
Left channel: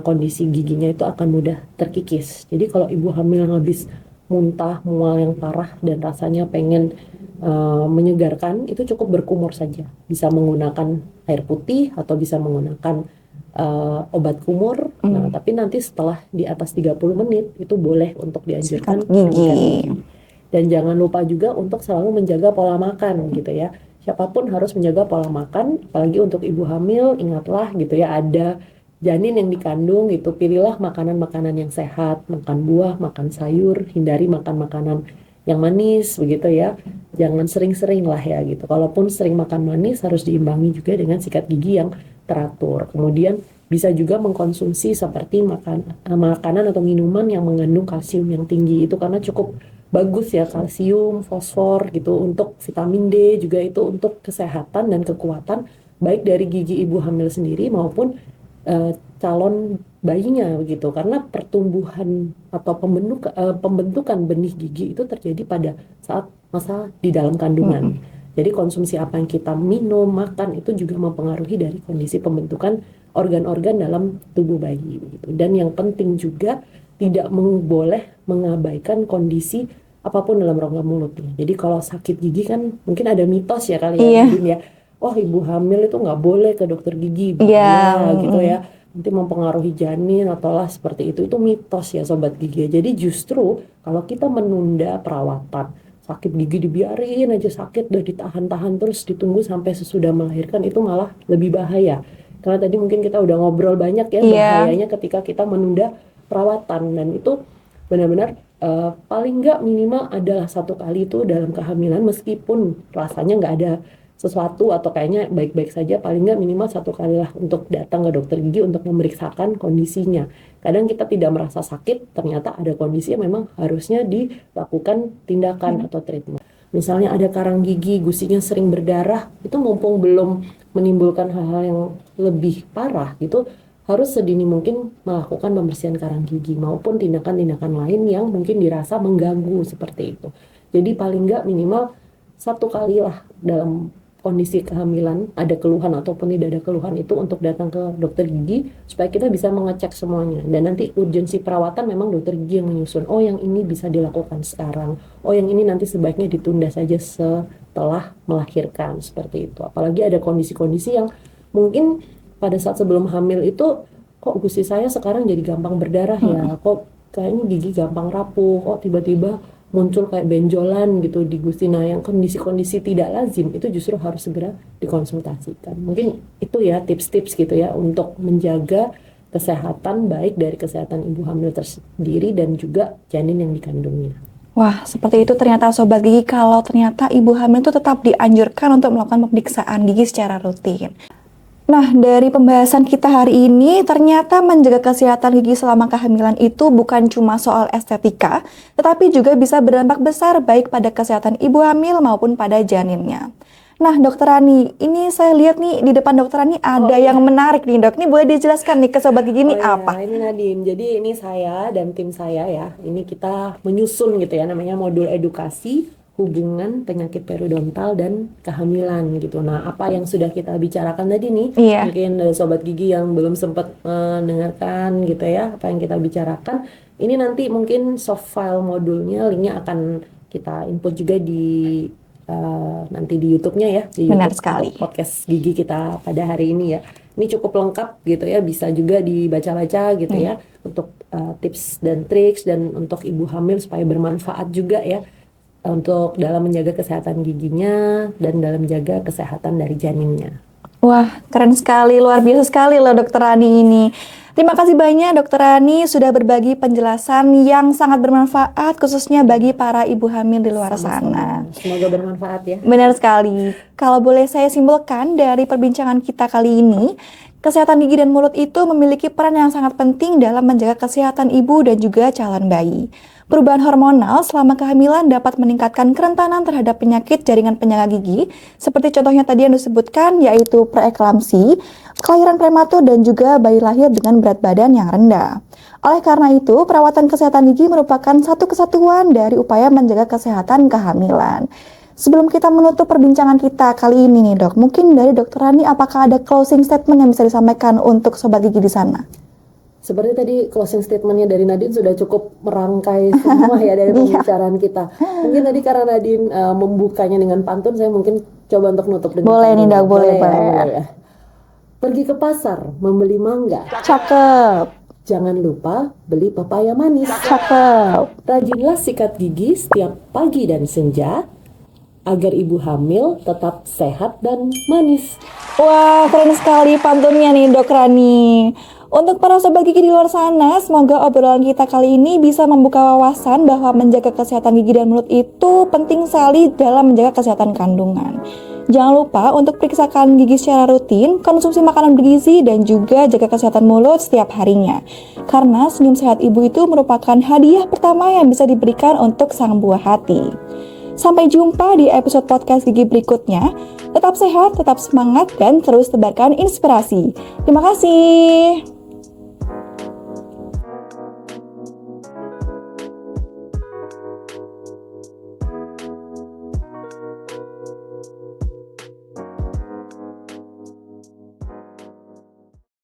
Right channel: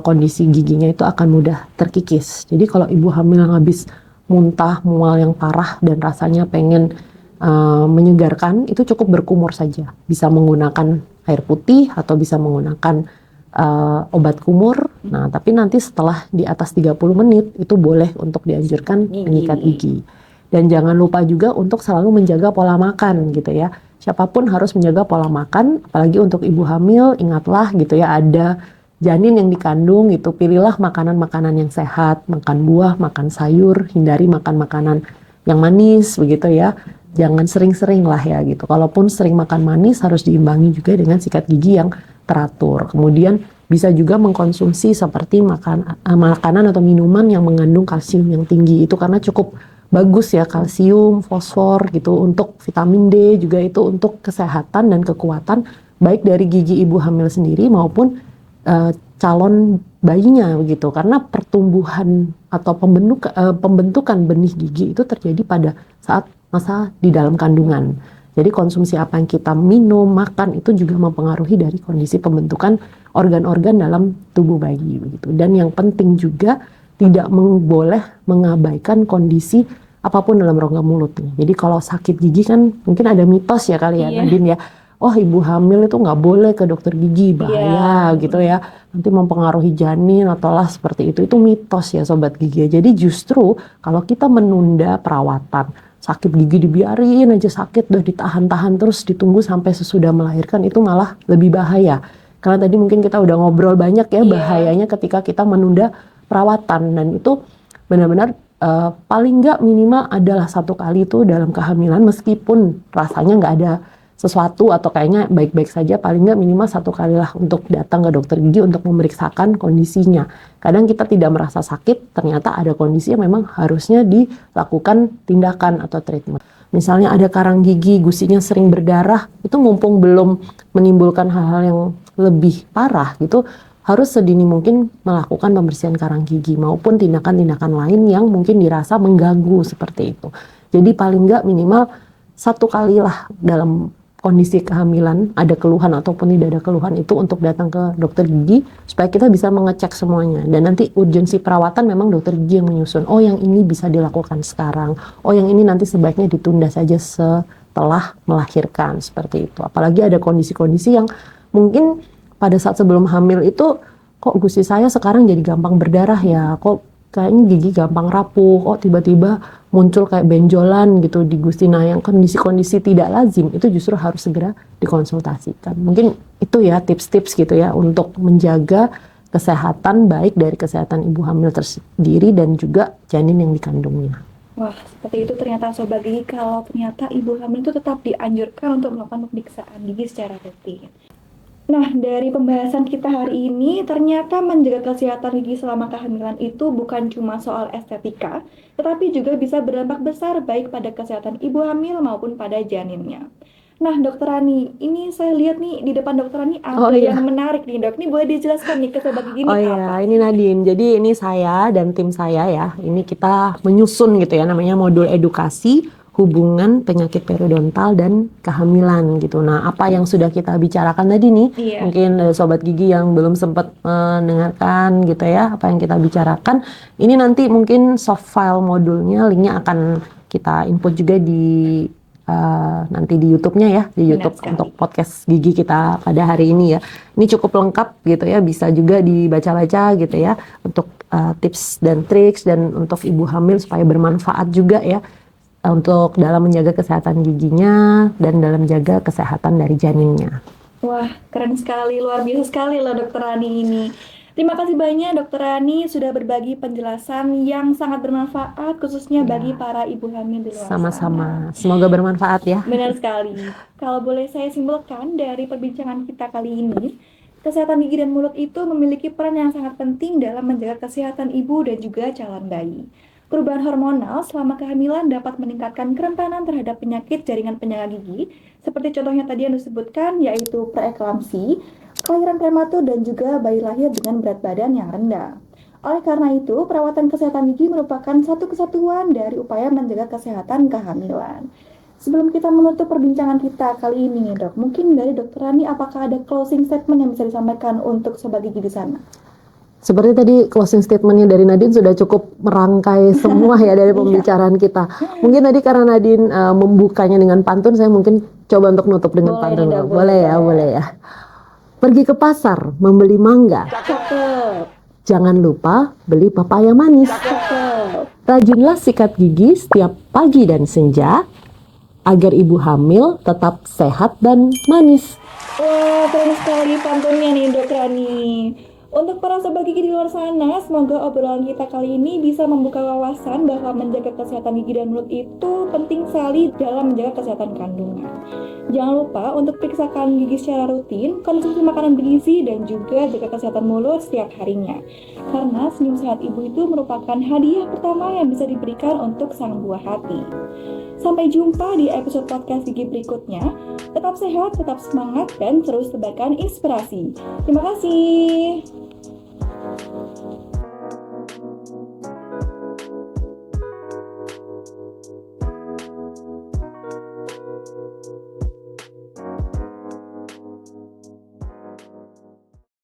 kondisi giginya itu akan mudah terkikis. Jadi kalau ibu hamil habis muntah, mual yang parah dan rasanya pengen menyegarkan, itu cukup berkumur saja. Bisa menggunakan air putih atau bisa menggunakan obat kumur. Nah, tapi nanti setelah di atas 30 menit itu boleh untuk dianjurkan menyikat gigi. Dan jangan lupa juga untuk selalu menjaga pola makan gitu ya. Siapapun harus menjaga pola makan, apalagi untuk ibu hamil, ingatlah gitu ya, ada janin yang dikandung gitu, pilihlah makanan-makanan yang sehat, makan buah, makan sayur, hindari makan makanan yang manis begitu ya. Jangan sering-sering lah ya gitu. Kalaupun sering makan manis harus diimbangi juga dengan sikat gigi yang teratur. Kemudian bisa juga mengkonsumsi seperti makanan atau minuman yang mengandung kalsium yang tinggi, itu karena cukup bagus ya, kalsium, fosfor gitu, untuk vitamin D juga, itu untuk kesehatan dan kekuatan baik dari gigi ibu hamil sendiri maupun calon bayinya begitu, karena pertumbuhan atau pembentukan benih gigi itu terjadi pada saat masa di dalam kandungan. Jadi konsumsi apa yang kita minum, makan itu juga mempengaruhi dari kondisi pembentukan organ-organ dalam tubuh bayi begitu. Dan yang penting juga tidak boleh mengabaikan kondisi apapun dalam rongga mulut nih. Jadi kalau sakit gigi kan mungkin ada mitos ya kali ya, Nadine ya. Oh, ibu hamil itu nggak boleh ke dokter gigi, bahaya gitu ya. Nanti mempengaruhi janin atau lah seperti itu. Itu mitos ya Sobat Gigi. Jadi justru kalau kita menunda perawatan, sakit gigi dibiarin aja sakit, udah ditahan-tahan terus ditunggu sampai sesudah melahirkan, itu malah lebih bahaya. Karena tadi mungkin kita udah ngobrol banyak ya bahayanya ketika kita menunda perawatan, dan itu benar-benar paling nggak minimal adalah 1 kali itu dalam kehamilan, meskipun rasanya nggak ada sesuatu atau kayaknya baik-baik saja, paling nggak minimal 1 kali lah untuk datang ke dokter gigi untuk memeriksakan kondisinya. Kadang kita tidak merasa sakit, ternyata ada kondisi yang memang harusnya dilakukan tindakan atau treatment. Misalnya ada karang gigi, gusinya sering berdarah, itu mumpung belum menimbulkan hal-hal yang lebih parah gitu, harus sedini mungkin melakukan pembersihan karang gigi maupun tindakan-tindakan lain yang mungkin dirasa mengganggu seperti itu. Jadi paling nggak minimal 1 kali lah dalam kondisi kehamilan, ada keluhan ataupun tidak ada keluhan, itu untuk datang ke dokter gigi supaya kita bisa mengecek semuanya. Dan nanti urgensi perawatan memang dokter gigi yang menyusun. Oh, yang ini bisa dilakukan sekarang. Oh, yang ini nanti sebaiknya ditunda saja setelah melahirkan, seperti itu. Apalagi ada kondisi-kondisi yang mungkin pada saat sebelum hamil itu, kok gusi saya sekarang jadi gampang berdarah ya, kok kayaknya gigi gampang rapuh, kok tiba-tiba muncul kayak benjolan gitu di gusi. Nah, yang kondisi-kondisi tidak lazim itu justru harus segera dikonsultasikan. Mungkin itu ya tips-tips gitu ya untuk menjaga kesehatan, baik dari kesehatan ibu hamil tersendiri dan juga janin yang dikandungnya. Wah, seperti itu ternyata Sobat Gigi, kalau ternyata ibu hamil itu tetap dianjurkan untuk melakukan pemeriksaan gigi secara rutin. Nah, dari pembahasan kita hari ini, ternyata menjaga kesehatan gigi selama kehamilan itu bukan cuma soal estetika, tetapi juga bisa berdampak besar baik pada kesehatan ibu hamil maupun pada janinnya. Nah, Dokter Rani, ini saya lihat nih di depan Dokter Rani ada yang menarik nih, Dok. Ini boleh dijelaskan nih ke Sobat Gigi ini apa? Ini Nadine. Jadi ini saya dan tim saya ya. Ini kita menyusun gitu ya, namanya modul edukasi hubungan penyakit periodontal dan kehamilan gitu. Nah, apa yang sudah kita bicarakan tadi nih, mungkin Sobat Gigi yang belum sempat mendengarkan gitu ya, apa yang kita bicarakan, ini nanti mungkin soft file modulnya, linknya akan kita input juga di nanti di YouTube-nya ya, di YouTube untuk podcast gigi kita pada hari ini ya. Ini cukup lengkap gitu ya, bisa juga dibaca-baca gitu ya, untuk tips dan triks, dan untuk ibu hamil supaya bermanfaat juga ya, untuk dalam menjaga kesehatan giginya dan dalam menjaga kesehatan dari janinnya. Wah, keren sekali, luar biasa sekali loh Dokter Rani ini. Terima kasih banyak Dokter Rani sudah berbagi penjelasan yang sangat bermanfaat, khususnya bagi para ibu hamil di luar sana. Semoga bermanfaat ya. Benar sekali. Kalau boleh saya simpulkan dari perbincangan kita kali ini, kesehatan gigi dan mulut itu memiliki peran yang sangat penting dalam menjaga kesehatan ibu dan juga calon bayi. Perubahan hormonal selama kehamilan dapat meningkatkan kerentanan terhadap penyakit jaringan penyangga gigi, seperti contohnya tadi yang disebutkan, yaitu preeklamsi, kelahiran prematur, dan juga bayi lahir dengan berat badan yang rendah. Oleh karena itu, perawatan kesehatan gigi merupakan satu kesatuan dari upaya menjaga kesehatan kehamilan. Sebelum kita menutup perbincangan kita kali ini nih Dok, mungkin dari Dokter Rani apakah ada closing statement yang bisa disampaikan untuk Sobat Gigi di sana? Seperti tadi closing statementnya dari Nadine sudah cukup merangkai semua ya dari pembicaraan kita. Mungkin tadi karena Nadine membukanya dengan pantun, saya mungkin coba untuk nutup dengan pantun. Nih, boleh ya. Pergi ke pasar membeli mangga. Cakep. Jangan lupa beli pepaya manis. Cakep. Rajinlah sikat gigi setiap pagi dan senja agar ibu hamil tetap sehat dan manis. Wah, keren sekali pantunnya nih Dok Rani. Untuk para sobat gigi di luar sana, semoga obrolan kita kali ini bisa membuka wawasan bahwa menjaga kesehatan gigi dan mulut itu penting sekali dalam menjaga kesehatan kandungan. Jangan lupa untuk periksakan gigi secara rutin, konsumsi makanan bergizi, dan juga jaga kesehatan mulut setiap harinya. Karena senyum sehat ibu itu merupakan hadiah pertama yang bisa diberikan untuk sang buah hati. Sampai jumpa di episode podcast gigi berikutnya. Tetap sehat, tetap semangat, dan terus tebarkan inspirasi. Terima kasih.